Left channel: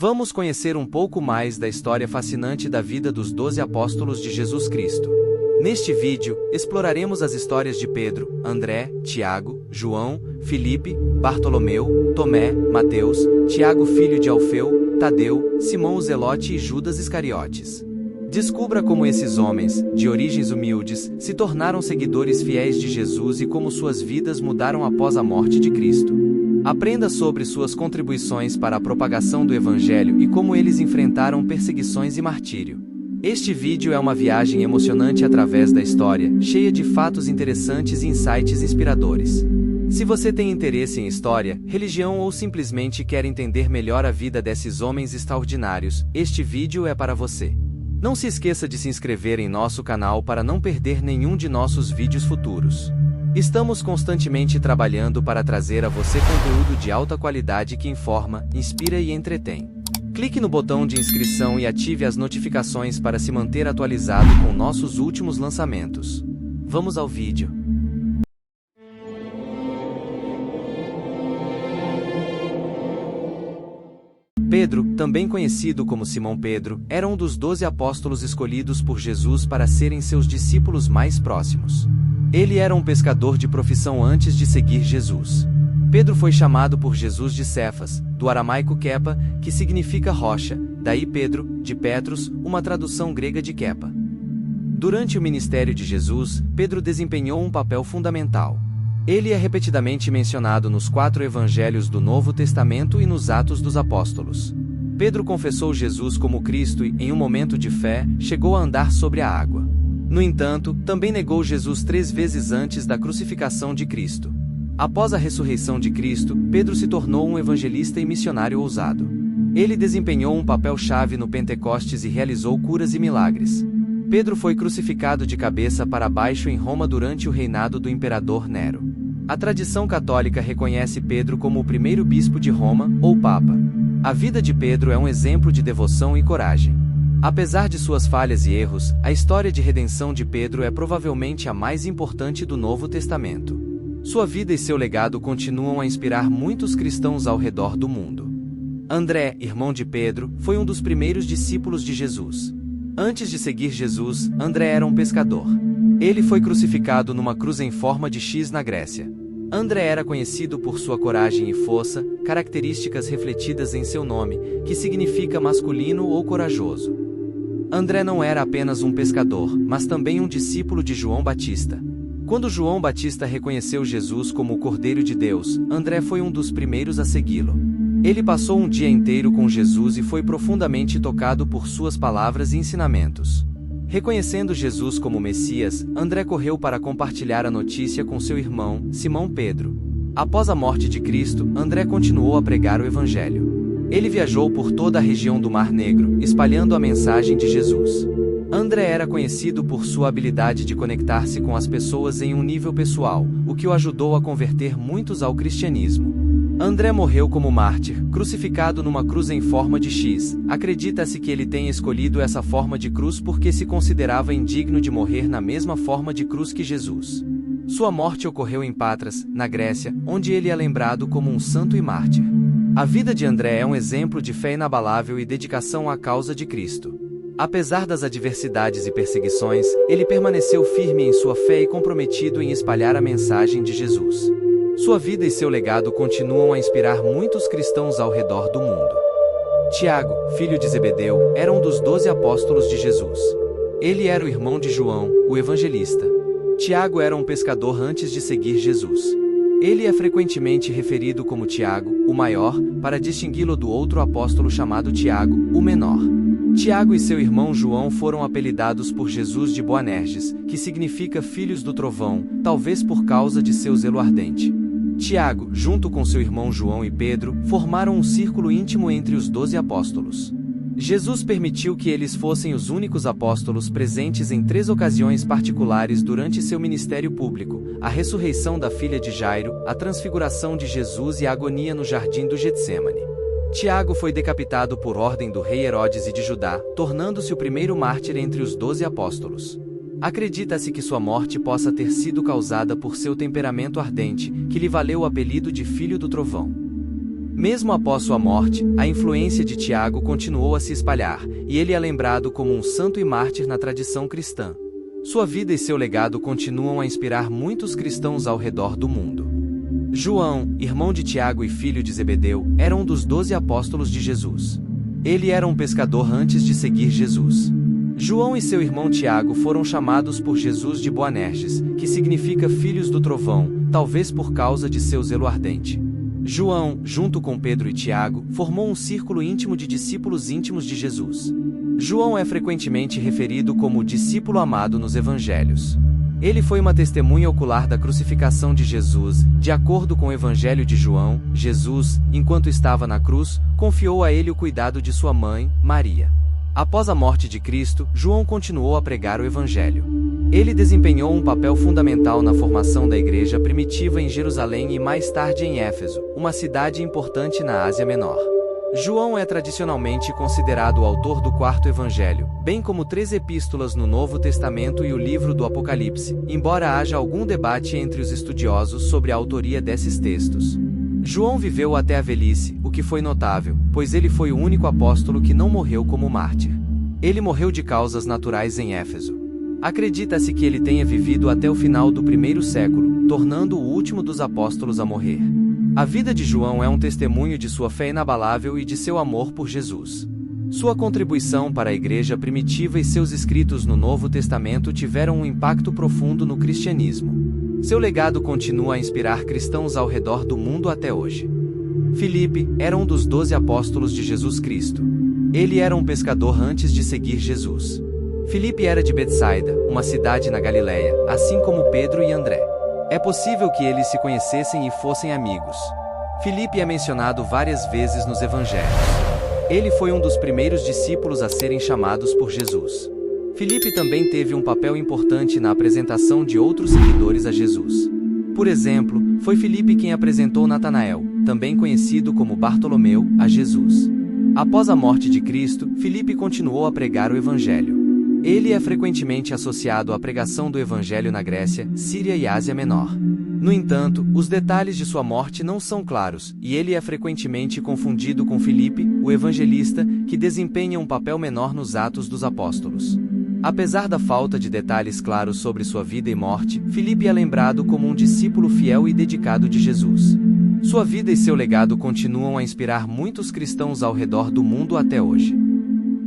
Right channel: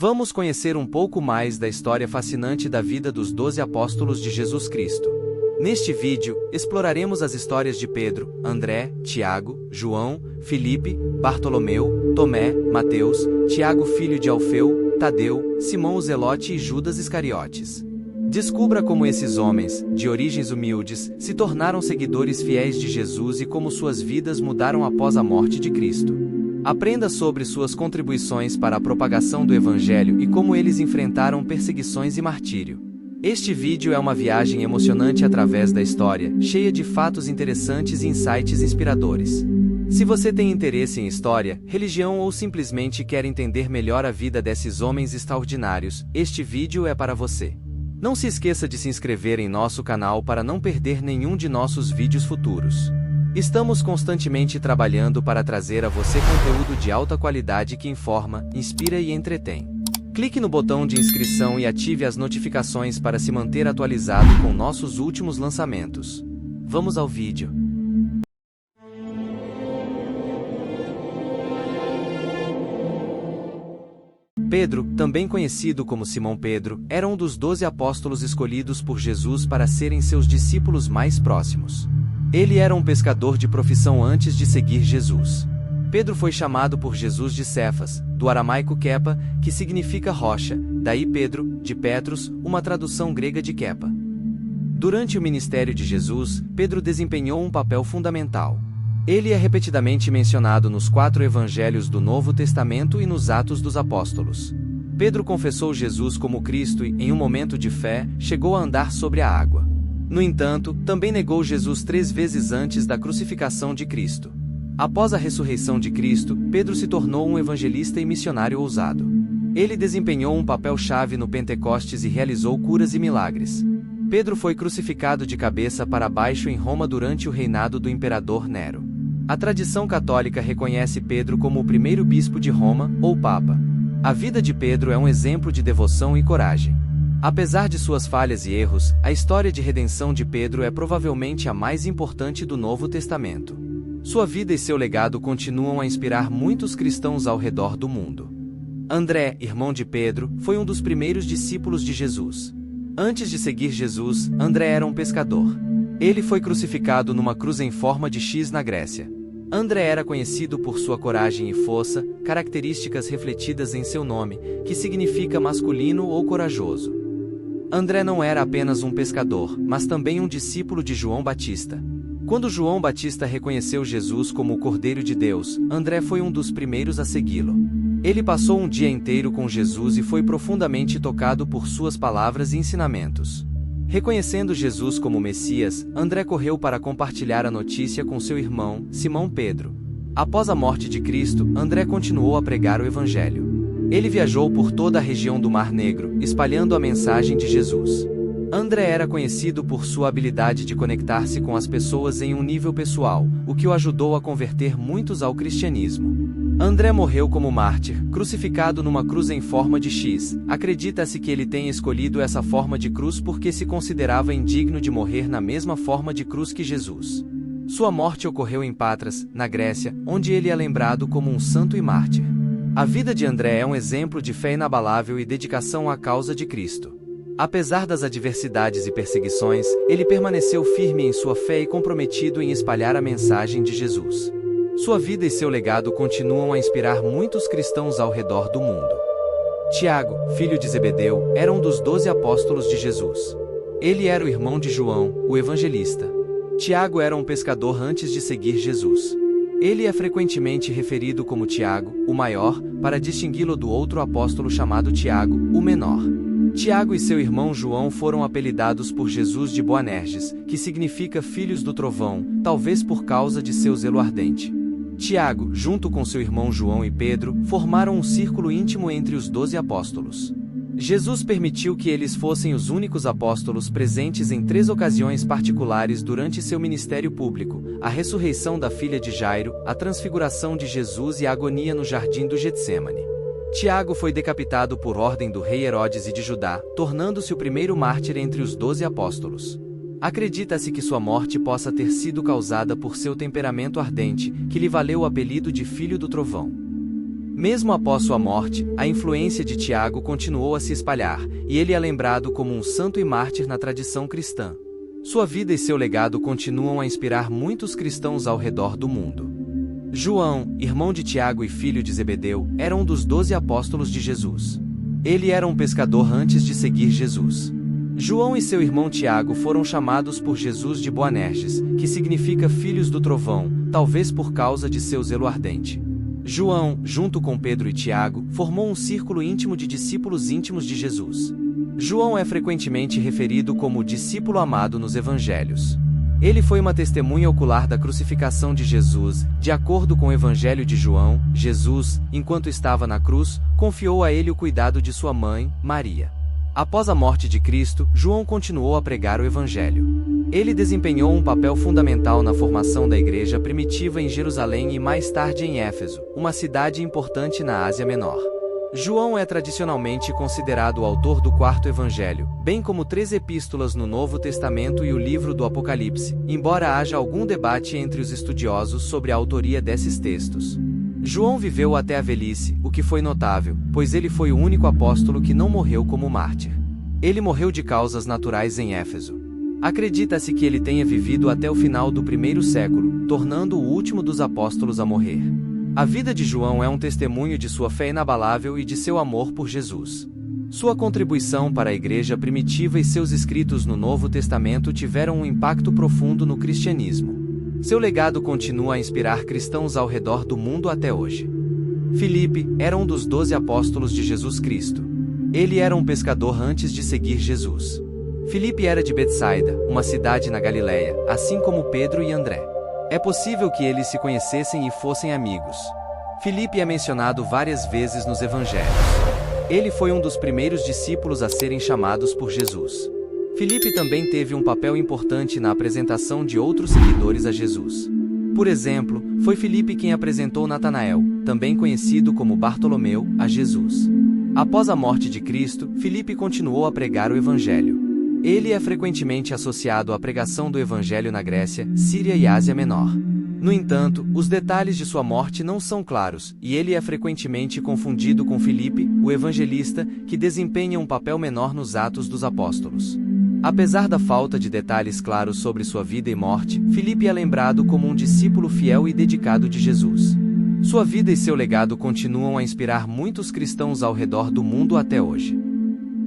Vamos conhecer um pouco mais da história fascinante da vida dos 12 apóstolos de Jesus Cristo. Neste vídeo, exploraremos as histórias de Pedro, André, Tiago, João, Filipe, Bartolomeu, Tomé, Mateus, Tiago filho de Alfeu, Tadeu, Simão o Zelote e Judas Iscariotes. Descubra como esses homens, de origens humildes, se tornaram seguidores fiéis de Jesus e como suas vidas mudaram após a morte de Cristo. Aprenda sobre suas contribuições para a propagação do Evangelho e como eles enfrentaram perseguições e martírio. Este vídeo é uma viagem emocionante através da história, cheia de fatos interessantes e insights inspiradores. Se você tem interesse em história, religião ou simplesmente quer entender melhor a vida desses homens extraordinários, este vídeo é para você. Não se esqueça de se inscrever em nosso canal para não perder nenhum de nossos vídeos futuros. Estamos constantemente trabalhando para trazer a você conteúdo de alta qualidade que informa, inspira e entretém. Clique no botão de inscrição e ative as notificações para se manter atualizado com nossos últimos lançamentos. Vamos ao vídeo. Pedro, também conhecido como Simão Pedro, era um dos 12 apóstolos escolhidos por Jesus para serem seus discípulos mais próximos. Ele era um pescador de profissão antes de seguir Jesus. Pedro foi chamado por Jesus de Cefas, do aramaico Kepa, que significa rocha, daí Pedro, de Petros, uma tradução grega de Kepa. Durante o ministério de Jesus, Pedro desempenhou um papel fundamental. Ele é repetidamente mencionado nos 4 evangelhos do Novo Testamento e nos Atos dos Apóstolos. Pedro confessou Jesus como Cristo e, em um momento de fé, chegou a andar sobre a água. No entanto, também negou Jesus 3 vezes antes da crucificação de Cristo. Após a ressurreição de Cristo, Pedro se tornou um evangelista e missionário ousado. Ele desempenhou um papel-chave no Pentecostes e realizou curas e milagres. Pedro foi crucificado de cabeça para baixo em Roma durante o reinado do imperador Nero. A tradição católica reconhece Pedro como o primeiro bispo de Roma, ou Papa. A vida de Pedro é um exemplo de devoção e coragem. Apesar de suas falhas e erros, a história de redenção de Pedro é provavelmente a mais importante do Novo Testamento. Sua vida e seu legado continuam a inspirar muitos cristãos ao redor do mundo. André, irmão de Pedro, foi um dos primeiros discípulos de Jesus. Antes de seguir Jesus, André era um pescador. Ele foi crucificado numa cruz em forma de X na Grécia. André era conhecido por sua coragem e força, características refletidas em seu nome, que significa masculino ou corajoso. André não era apenas um pescador, mas também um discípulo de João Batista. Quando João Batista reconheceu Jesus como o Cordeiro de Deus, André foi um dos primeiros a segui-lo. Ele passou um dia inteiro com Jesus e foi profundamente tocado por suas palavras e ensinamentos. Reconhecendo Jesus como Messias, André correu para compartilhar a notícia com seu irmão, Simão Pedro. Após a morte de Cristo, André continuou a pregar o Evangelho. Ele viajou por toda a região do Mar Negro, espalhando a mensagem de Jesus. André era conhecido por sua habilidade de conectar-se com as pessoas em um nível pessoal, o que o ajudou a converter muitos ao cristianismo. André morreu como mártir, crucificado numa cruz em forma de X. Acredita-se que ele tenha escolhido essa forma de cruz porque se considerava indigno de morrer na mesma forma de cruz que Jesus. Sua morte ocorreu em Patras, na Grécia, onde ele é lembrado como um santo e mártir. A vida de André é um exemplo de fé inabalável e dedicação à causa de Cristo. Apesar das adversidades e perseguições, ele permaneceu firme em sua fé e comprometido em espalhar a mensagem de Jesus. Sua vida e seu legado continuam a inspirar muitos cristãos ao redor do mundo. Tiago, filho de Zebedeu, era um dos 12 apóstolos de Jesus. Ele era o irmão de João, o evangelista. Tiago era um pescador antes de seguir Jesus. Ele é frequentemente referido como Tiago, o maior, para distingui-lo do outro apóstolo chamado Tiago, o menor. Tiago e seu irmão João foram apelidados por Jesus de Boanerges, que significa filhos do trovão, talvez por causa de seu zelo ardente. Tiago, junto com seu irmão João e Pedro, formaram um círculo íntimo entre os 12 apóstolos. Jesus permitiu que eles fossem os únicos apóstolos presentes em 3 ocasiões particulares durante seu ministério público: a ressurreição da filha de Jairo, a transfiguração de Jesus e a agonia no jardim do Getsêmani. Tiago foi decapitado por ordem do rei Herodes I de Judá, tornando-se o primeiro mártir entre os 12 apóstolos. Acredita-se que sua morte possa ter sido causada por seu temperamento ardente, que lhe valeu o apelido de Filho do Trovão. Mesmo após sua morte, a influência de Tiago continuou a se espalhar, e ele é lembrado como um santo e mártir na tradição cristã. Sua vida e seu legado continuam a inspirar muitos cristãos ao redor do mundo. João, irmão de Tiago e filho de Zebedeu, era um dos 12 apóstolos de Jesus. Ele era um pescador antes de seguir Jesus. João e seu irmão Tiago foram chamados por Jesus de Boanerges, que significa filhos do trovão, talvez por causa de seu zelo ardente. João, junto com Pedro e Tiago, formou um círculo íntimo de discípulos íntimos de Jesus. João é frequentemente referido como discípulo amado nos evangelhos. Ele foi uma testemunha ocular da crucificação de Jesus. De acordo com o Evangelho de João, Jesus, enquanto estava na cruz, confiou a ele o cuidado de sua mãe, Maria. Após a morte de Cristo, João continuou a pregar o Evangelho. Ele desempenhou um papel fundamental na formação da igreja primitiva em Jerusalém e mais tarde em Éfeso, uma cidade importante na Ásia Menor. João é tradicionalmente considerado o autor do quarto evangelho, bem como 3 epístolas no Novo Testamento e o livro do Apocalipse, embora haja algum debate entre os estudiosos sobre a autoria desses textos. João viveu até a velhice, o que foi notável, pois ele foi o único apóstolo que não morreu como mártir. Ele morreu de causas naturais em Éfeso. Acredita-se que ele tenha vivido até o final do 1º século, tornando-o o último dos apóstolos a morrer. A vida de João é um testemunho de sua fé inabalável e de seu amor por Jesus. Sua contribuição para a igreja primitiva e seus escritos no Novo Testamento tiveram um impacto profundo no cristianismo. Seu legado continua a inspirar cristãos ao redor do mundo até hoje. Filipe era um dos 12 apóstolos de Jesus Cristo. Ele era um pescador antes de seguir Jesus. Filipe era de Betsaida, uma cidade na Galileia, assim como Pedro e André. É possível que eles se conhecessem e fossem amigos. Filipe é mencionado várias vezes nos evangelhos. Ele foi um dos primeiros discípulos a serem chamados por Jesus. Filipe também teve um papel importante na apresentação de outros seguidores a Jesus. Por exemplo, foi Filipe quem apresentou Natanael, também conhecido como Bartolomeu, a Jesus. Após a morte de Cristo, Filipe continuou a pregar o evangelho. Ele é frequentemente associado à pregação do Evangelho na Grécia, Síria e Ásia Menor. No entanto, os detalhes de sua morte não são claros, e ele é frequentemente confundido com Filipe, o evangelista, que desempenha um papel menor nos Atos dos Apóstolos. Apesar da falta de detalhes claros sobre sua vida e morte, Filipe é lembrado como um discípulo fiel e dedicado de Jesus. Sua vida e seu legado continuam a inspirar muitos cristãos ao redor do mundo até hoje.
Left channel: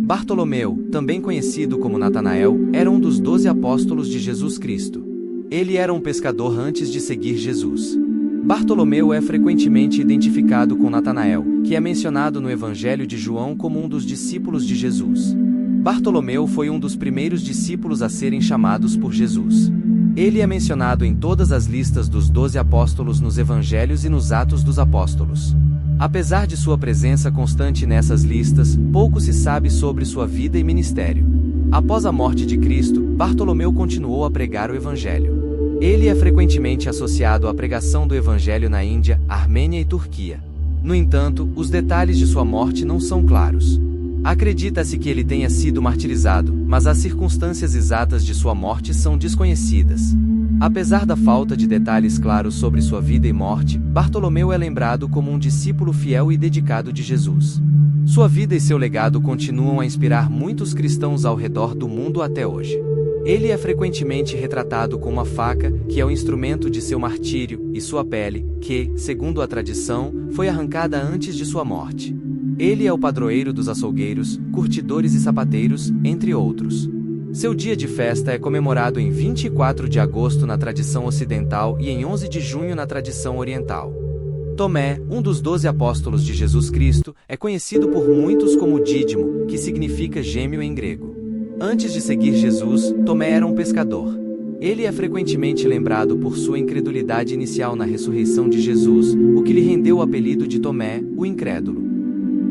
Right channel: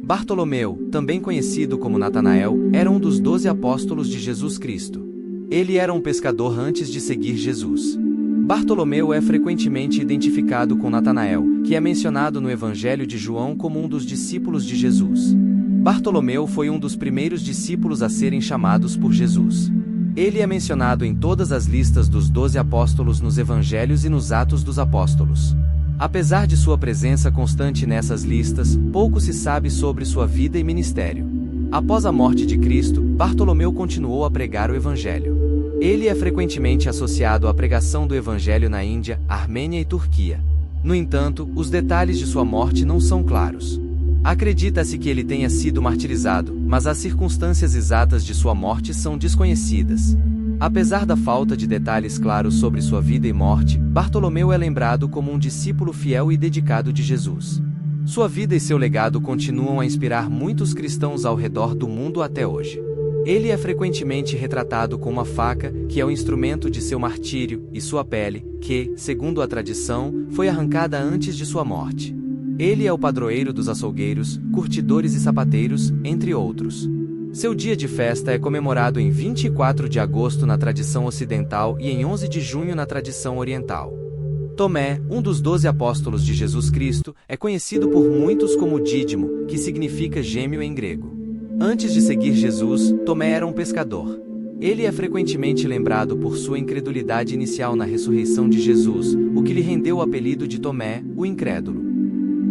Bartolomeu, também conhecido como Natanael, era um dos 12 apóstolos de Jesus Cristo. Ele era um pescador antes de seguir Jesus. Bartolomeu é frequentemente identificado com Natanael, que é mencionado no Evangelho de João como um dos discípulos de Jesus. Bartolomeu foi um dos primeiros discípulos a serem chamados por Jesus. Ele é mencionado em todas as listas dos 12 apóstolos nos Evangelhos e nos Atos dos Apóstolos. Apesar de sua presença constante nessas listas, pouco se sabe sobre sua vida e ministério. Após a morte de Cristo, Bartolomeu continuou a pregar o Evangelho. Ele é frequentemente associado à pregação do Evangelho na Índia, Armênia e Turquia. No entanto, os detalhes de sua morte não são claros. Acredita-se que ele tenha sido martirizado, mas as circunstâncias exatas de sua morte são desconhecidas. Apesar da falta de detalhes claros sobre sua vida e morte, Bartolomeu é lembrado como um discípulo fiel e dedicado de Jesus. Sua vida e seu legado continuam a inspirar muitos cristãos ao redor do mundo até hoje. Ele é frequentemente retratado com uma faca, que é o instrumento de seu martírio, e sua pele, que, segundo a tradição, foi arrancada antes de sua morte. Ele é o padroeiro dos açougueiros, curtidores e sapateiros, entre outros. Seu dia de festa é comemorado em 24 de agosto na tradição ocidental e em 11 de junho na tradição oriental. Tomé, um dos 12 apóstolos de Jesus Cristo, é conhecido por muitos como Dídimo, que significa gêmeo em grego. Antes de seguir Jesus, Tomé era um pescador. Ele é frequentemente lembrado por sua incredulidade inicial na ressurreição de Jesus, o que lhe rendeu o apelido de Tomé, o incrédulo.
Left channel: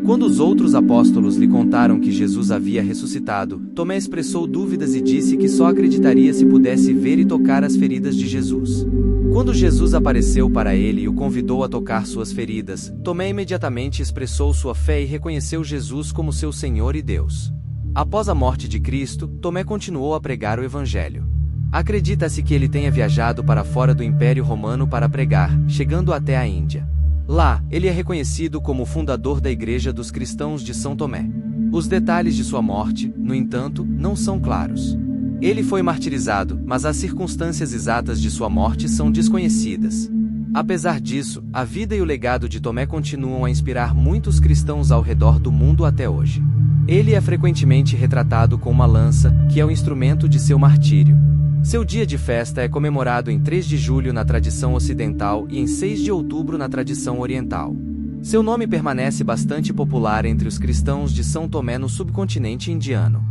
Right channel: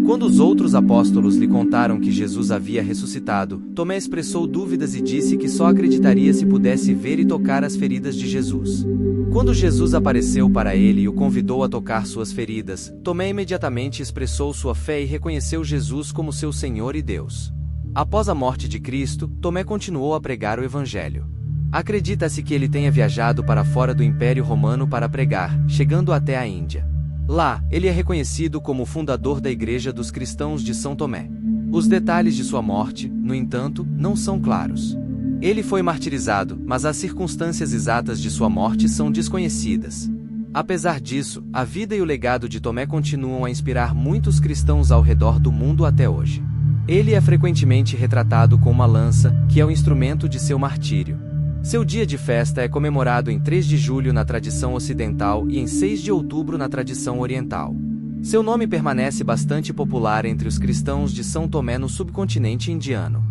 Quando os outros apóstolos lhe contaram que Jesus havia ressuscitado, Tomé expressou dúvidas e disse que só acreditaria se pudesse ver e tocar as feridas de Jesus. Quando Jesus apareceu para ele e o convidou a tocar suas feridas, Tomé imediatamente expressou sua fé e reconheceu Jesus como seu Senhor e Deus. Após a morte de Cristo, Tomé continuou a pregar o Evangelho. Acredita-se que ele tenha viajado para fora do Império Romano para pregar, chegando até a Índia. Lá, ele é reconhecido como o fundador da Igreja dos Cristãos de São Tomé. Os detalhes de sua morte, no entanto, não são claros. Ele foi martirizado, mas as circunstâncias exatas de sua morte são desconhecidas. Apesar disso, a vida e o legado de Tomé continuam a inspirar muitos cristãos ao redor do mundo até hoje. Ele é frequentemente retratado com uma lança, que é o instrumento de seu martírio. Seu dia de festa é comemorado em 3 de julho na tradição ocidental e em 6 de outubro na tradição oriental. Seu nome permanece bastante popular entre os cristãos de São Tomé no subcontinente indiano.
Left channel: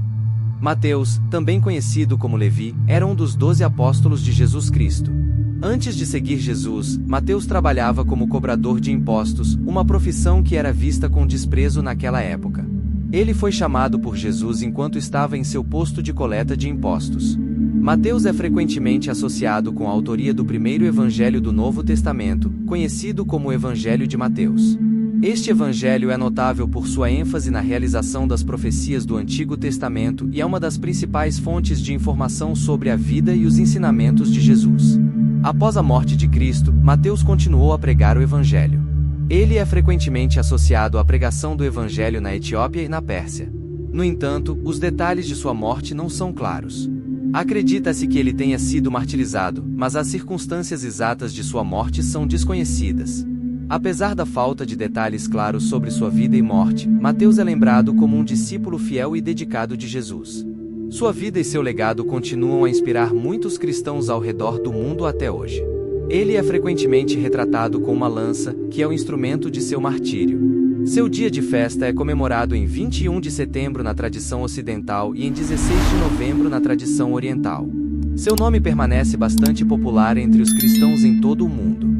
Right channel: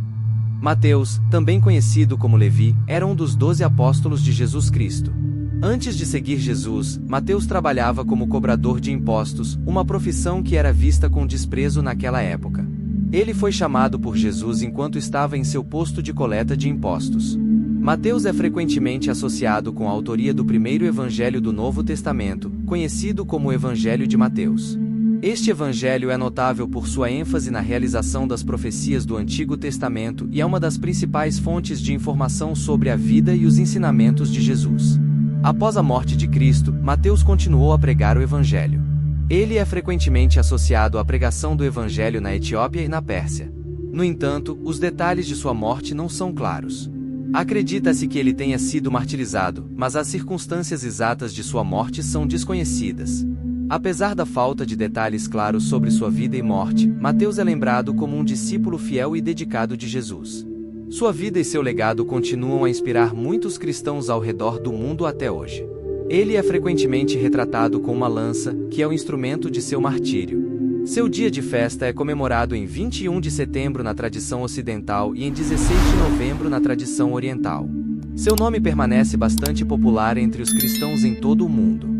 Mateus, também conhecido como Levi, era um dos 12 apóstolos de Jesus Cristo. Antes de seguir Jesus, Mateus trabalhava como cobrador de impostos, uma profissão que era vista com desprezo naquela época. Ele foi chamado por Jesus enquanto estava em seu posto de coleta de impostos. Mateus é frequentemente associado com a autoria do primeiro evangelho do Novo Testamento, conhecido como o Evangelho de Mateus. Este evangelho é notável por sua ênfase na realização das profecias do Antigo Testamento e é uma das principais fontes de informação sobre a vida e os ensinamentos de Jesus. Após a morte de Cristo, Mateus continuou a pregar o evangelho. Ele é frequentemente associado à pregação do evangelho na Etiópia e na Pérsia. No entanto, os detalhes de sua morte não são claros. Acredita-se que ele tenha sido martirizado, mas as circunstâncias exatas de sua morte são desconhecidas. Apesar da falta de detalhes claros sobre sua vida e morte, Mateus é lembrado como um discípulo fiel e dedicado de Jesus. Sua vida e seu legado continuam a inspirar muitos cristãos ao redor do mundo até hoje. Ele é frequentemente retratado com uma lança, que é o instrumento de seu martírio. Seu dia de festa é comemorado em 21 de setembro na tradição ocidental e em 16 de novembro na tradição oriental. Seu nome permanece bastante popular entre os cristãos em todo o mundo.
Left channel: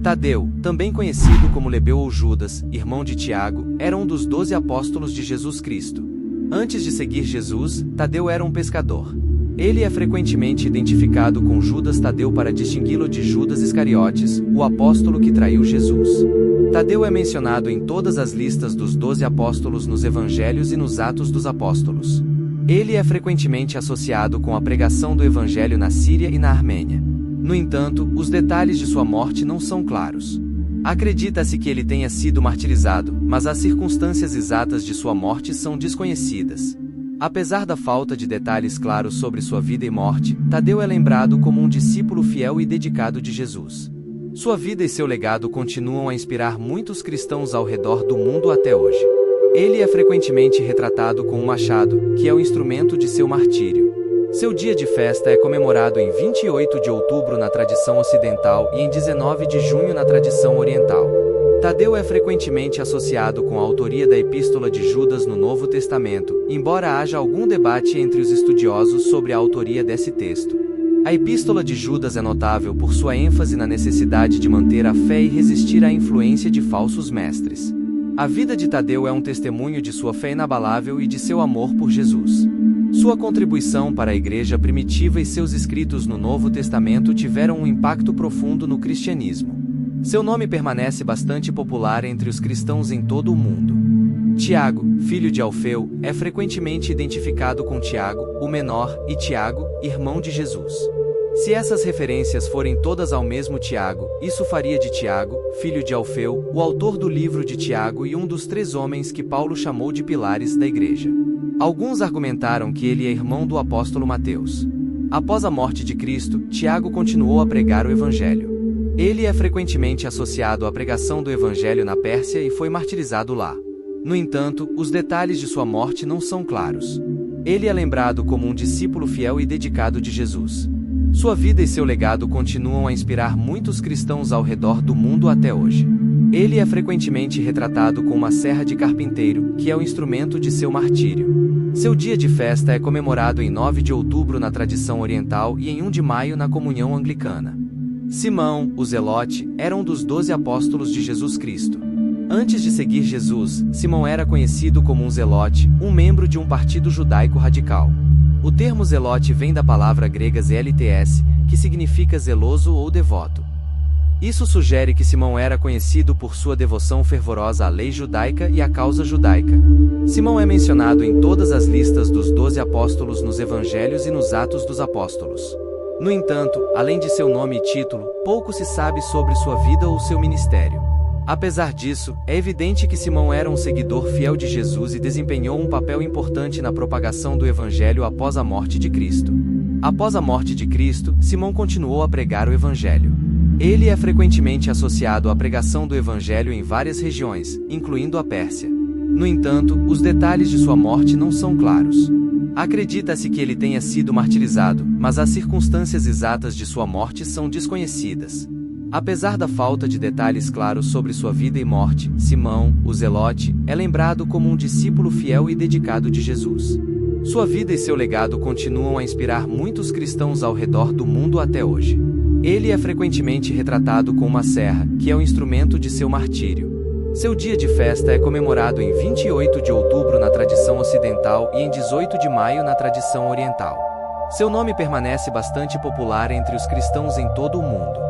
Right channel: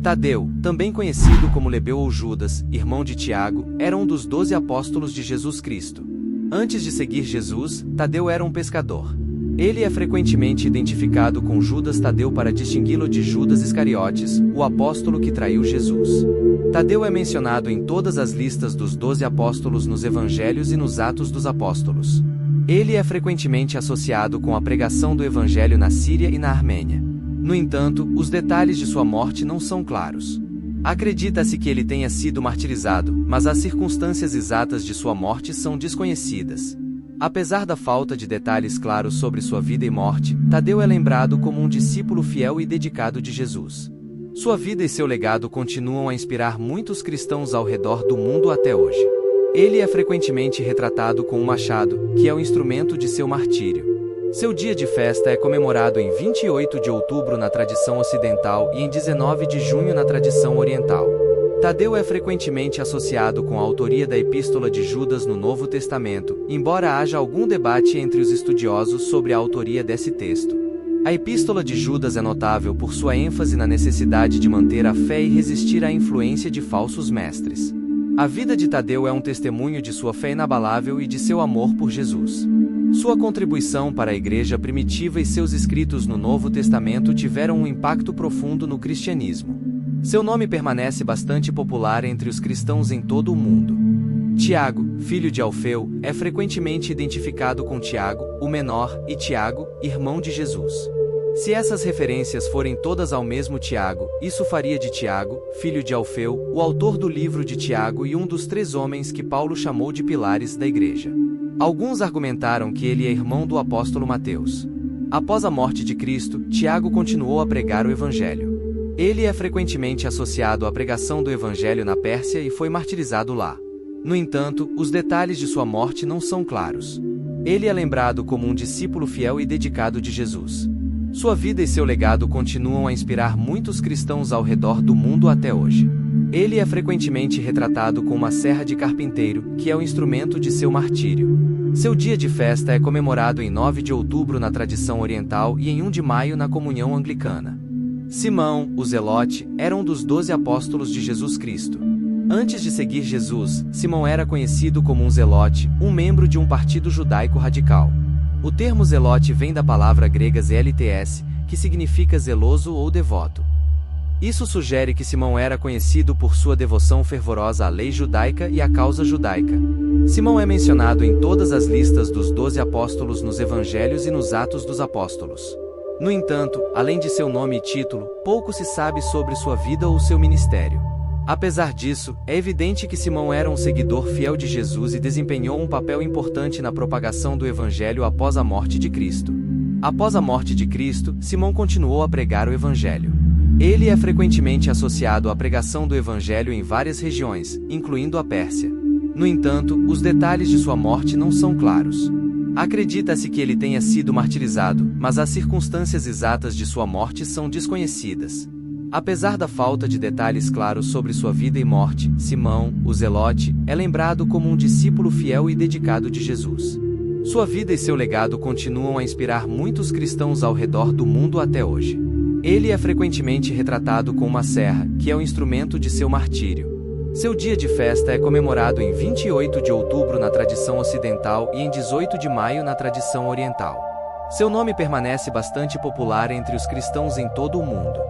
Tadeu, também conhecido como Lebeu ou Judas, irmão de Tiago, era um dos 12 apóstolos de Jesus Cristo. Antes de seguir Jesus, Tadeu era um pescador. Ele é frequentemente identificado com Judas Tadeu para distingui-lo de Judas Iscariotes, o apóstolo que traiu Jesus. Tadeu é mencionado em todas as listas dos 12 apóstolos nos Evangelhos e nos Atos dos Apóstolos. Ele é frequentemente associado com a pregação do Evangelho na Síria e na Armênia. No entanto, os detalhes de sua morte não são claros. Acredita-se que ele tenha sido martirizado, mas as circunstâncias exatas de sua morte são desconhecidas. Apesar da falta de detalhes claros sobre sua vida e morte, Tadeu é lembrado como um discípulo fiel e dedicado de Jesus. Sua vida e seu legado continuam a inspirar muitos cristãos ao redor do mundo até hoje. Ele é frequentemente retratado com um machado, que é o instrumento de seu martírio. Seu dia de festa é comemorado em 28 de outubro na tradição ocidental e em 19 de junho na tradição oriental. Tadeu é frequentemente associado com a autoria da Epístola de Judas no Novo Testamento, embora haja algum debate entre os estudiosos sobre a autoria desse texto. A Epístola de Judas é notável por sua ênfase na necessidade de manter a fé e resistir à influência de falsos mestres. A vida de Tadeu é um testemunho de sua fé inabalável e de seu amor por Jesus. Sua contribuição para a Igreja primitiva e seus escritos no Novo Testamento tiveram um impacto profundo no cristianismo. Seu nome permanece bastante popular entre os cristãos em todo o mundo. Tiago, filho de Alfeu, é frequentemente identificado com Tiago, o menor, e Tiago, irmão de Jesus. Se essas referências forem todas ao mesmo Tiago, isso faria de Tiago, filho de Alfeu, o autor do livro de Tiago e um dos 3 homens que Paulo chamou de pilares da Igreja. Alguns argumentaram que ele é irmão do apóstolo Mateus. Após a morte de Cristo, Tiago continuou a pregar o Evangelho. Ele é frequentemente associado à pregação do Evangelho na Pérsia e foi martirizado lá. No entanto, os detalhes de sua morte não são claros. Ele é lembrado como um discípulo fiel e dedicado de Jesus. Sua vida e seu legado continuam a inspirar muitos cristãos ao redor do mundo até hoje. Ele é frequentemente retratado com uma serra de carpinteiro, que é o instrumento de seu martírio. Seu dia de festa é comemorado em 9 de outubro na tradição oriental e em 1 de maio na comunhão anglicana. Simão, o Zelote, era um dos 12 apóstolos de Jesus Cristo. Antes de seguir Jesus, Simão era conhecido como um zelote, um membro de um partido judaico radical. O termo zelote vem da palavra grega zelts, que significa zeloso ou devoto. Isso sugere que Simão era conhecido por sua devoção fervorosa à lei judaica e à causa judaica. Simão é mencionado em todas as listas dos 12 apóstolos nos Evangelhos e nos Atos dos Apóstolos. No entanto, além de seu nome e título, pouco se sabe sobre sua vida ou seu ministério. Apesar disso, é evidente que Simão era um seguidor fiel de Jesus e desempenhou um papel importante na propagação do Evangelho após a morte de Cristo. Após a morte de Cristo, Simão continuou a pregar o Evangelho. Ele é frequentemente associado à pregação do Evangelho em várias regiões, incluindo a Pérsia. No entanto, os detalhes de sua morte não são claros. Acredita-se que ele tenha sido martirizado, mas as circunstâncias exatas de sua morte são desconhecidas. Apesar da falta de detalhes claros sobre sua vida e morte, Simão, o Zelote, é lembrado como um discípulo fiel e dedicado de Jesus. Sua vida e seu legado continuam a inspirar muitos cristãos ao redor do mundo até hoje. Ele é frequentemente retratado com uma serra, que é o instrumento de seu martírio. Seu dia de festa é comemorado em 28 de outubro na tradição ocidental e em 18 de maio na tradição oriental. Seu nome permanece bastante popular entre os cristãos em todo o mundo.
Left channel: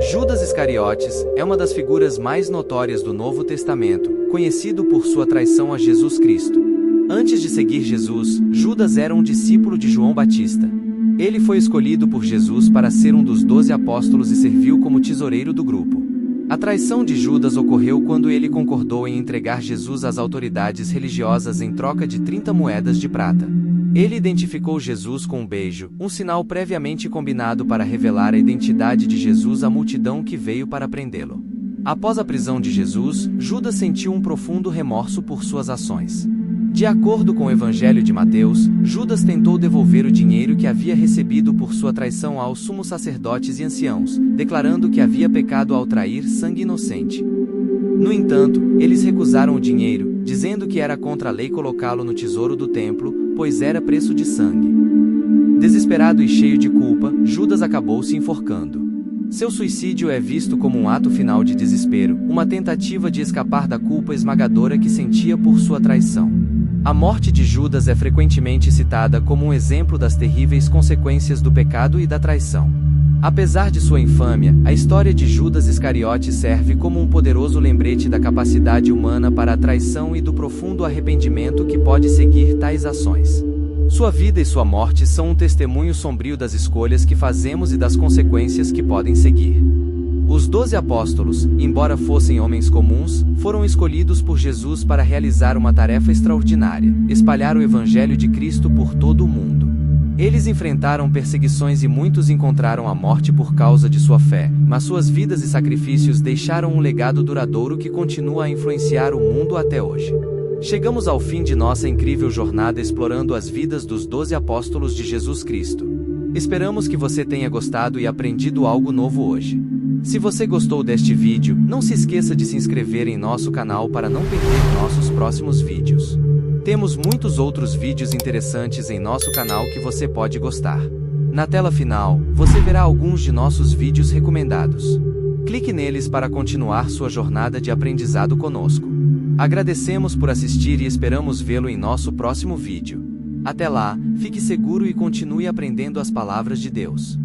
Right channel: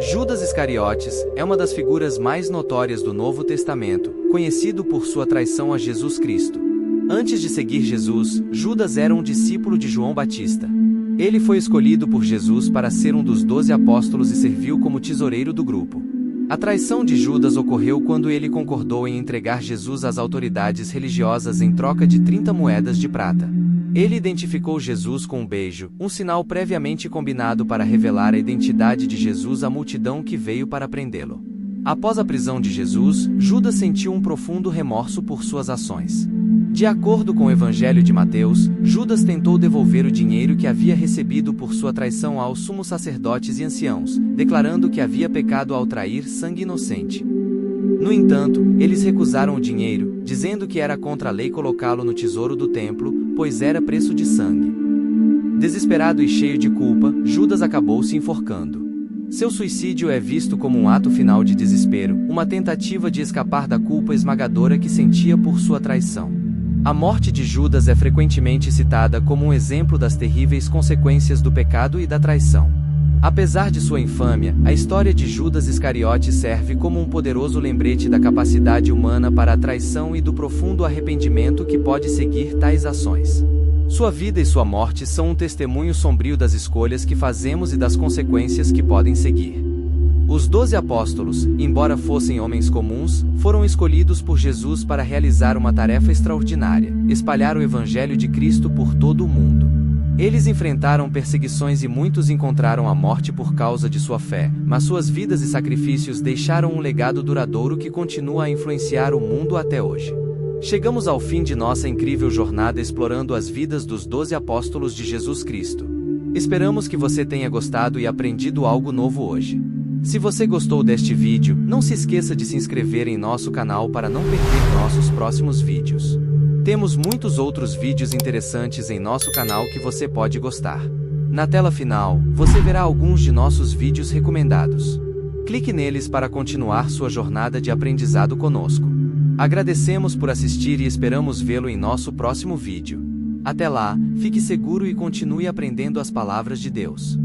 Judas Iscariotes é uma das figuras mais notórias do Novo Testamento, conhecido por sua traição a Jesus Cristo. Antes de seguir Jesus, Judas era um discípulo de João Batista. Ele foi escolhido por Jesus para ser um dos 12 apóstolos e serviu como tesoureiro do grupo. A traição de Judas ocorreu quando ele concordou em entregar Jesus às autoridades religiosas em troca de 30 moedas de prata. Ele identificou Jesus com um beijo, um sinal previamente combinado para revelar a identidade de Jesus à multidão que veio para prendê-lo. Após a prisão de Jesus, Judas sentiu um profundo remorso por suas ações. De acordo com o Evangelho de Mateus, Judas tentou devolver o dinheiro que havia recebido por sua traição aos sumos sacerdotes e anciãos, declarando que havia pecado ao trair sangue inocente. No entanto, eles recusaram o dinheiro, dizendo que era contra a lei colocá-lo no tesouro do templo, pois era preço de sangue. Desesperado e cheio de culpa, Judas acabou se enforcando. Seu suicídio é visto como um ato final de desespero, uma tentativa de escapar da culpa esmagadora que sentia por sua traição. A morte de Judas é frequentemente citada como um exemplo das terríveis consequências do pecado e da traição. Apesar de sua infâmia, a história de Judas Iscariote serve como um poderoso lembrete da capacidade humana para a traição e do profundo arrependimento que pode seguir tais ações. Sua vida e sua morte são um testemunho sombrio das escolhas que fazemos e das consequências que podem seguir. Os 12 apóstolos, embora fossem homens comuns, foram escolhidos por Jesus para realizar uma tarefa extraordinária: espalhar o Evangelho de Cristo por todo o mundo. Eles enfrentaram perseguições e muitos encontraram a morte por causa de sua fé, mas suas vidas e sacrifícios deixaram um legado duradouro que continua a influenciar o mundo até hoje. Chegamos ao fim de nossa incrível jornada explorando as vidas dos 12 apóstolos de Jesus Cristo. Esperamos que você tenha gostado e aprendido algo novo hoje. Se você gostou deste vídeo, não se esqueça de se inscrever em nosso canal para não perder nossos próximos vídeos. Temos muitos outros vídeos interessantes em nosso canal que você pode gostar. Na tela final, você verá alguns de nossos vídeos recomendados. Clique neles para continuar sua jornada de aprendizado conosco. Agradecemos por assistir e esperamos vê-lo em nosso próximo vídeo. Até lá, fique seguro e continue aprendendo as palavras de Deus.